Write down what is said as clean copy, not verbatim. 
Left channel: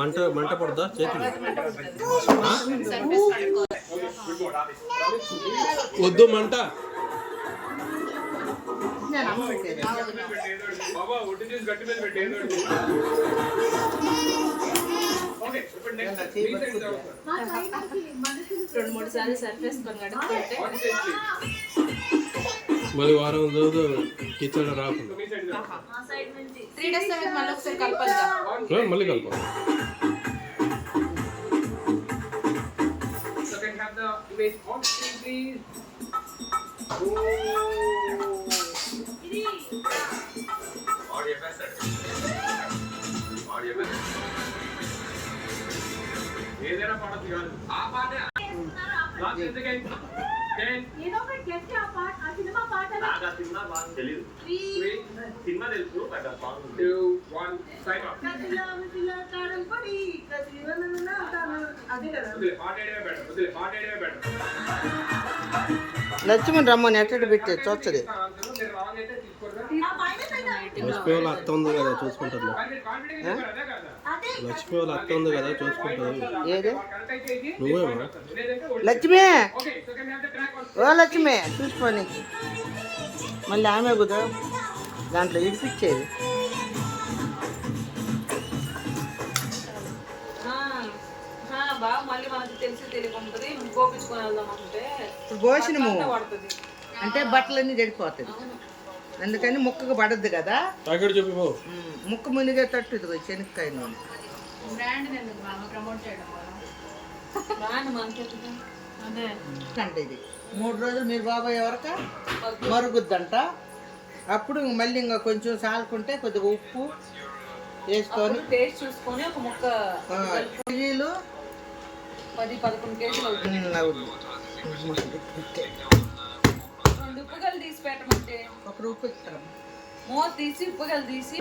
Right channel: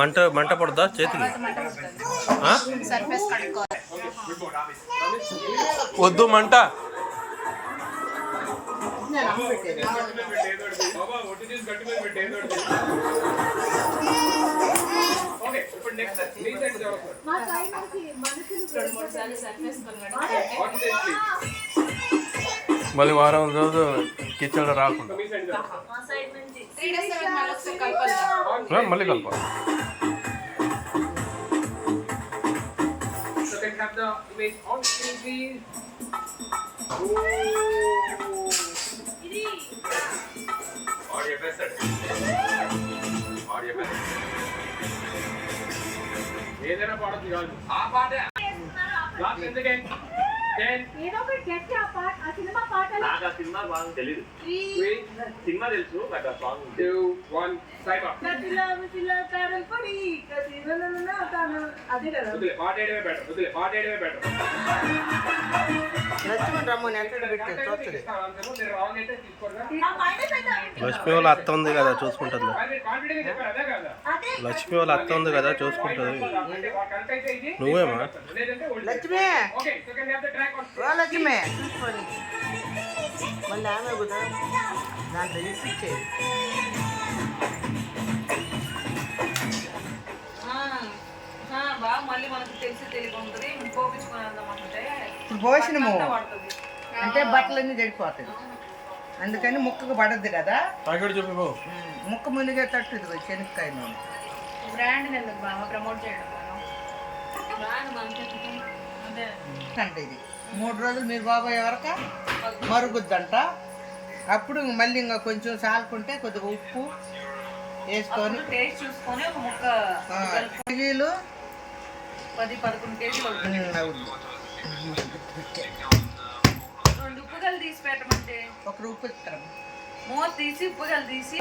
మంట మంట పడుతుందా చేతికి? వద్దు మంట. మళ్ళీ వారం రోజు కిచెన్ రాకుండా మళ్ళీ కలపాలి. ఏదైనా పాడచ్చు కాదు ఆ పాట సినిమా బాగా తెలియదు. సినిమా తెలుసు లక్ష్మణ్ రమ్మని ఎట్టడి పెట్టి చూస్తుంది. లక్ష్మి వాళ్ళ అత్త ఉంది కదా చూసుకుంటుంది. లక్ష్మి వాళ్ళ అత్త ఉంది కదా చూసుకుంటుంది. నువ్వేమా లక్ష్మి? ఓ లక్ష్మి చూసుకొని మళ్ళీ ఆమె కుదా దాంట్లో ఇడిపించేది. ఇప్పుడు భోజనము అంటే బట్టలన్నీ చెడిపోతుంది, అందుకని ముక్కకు పడద్దు కదా. ముక్క మునిగే తట్టు ఇది శనక్కాయ నూనె అంటే ఇది 3 రోజులు మీరు బాబాయ్ వరకు మరుగుద్దంట. అప్పుడు మళ్ళీ ఇంకా కొంచెం సాలుకుంటే కొద్దిగా ఉప్పు వేసుకొని టేస్ట్ చూసుకొని ఒక ముక్క కేజీలు 10-11 కేజీలు అవుద్ది. 2 ఉప్పుగలు తీసి పెట్టమంటే 1 ఉప్పు ఇస్తాం. మూత తీసి ఉప్పుగలు తీసి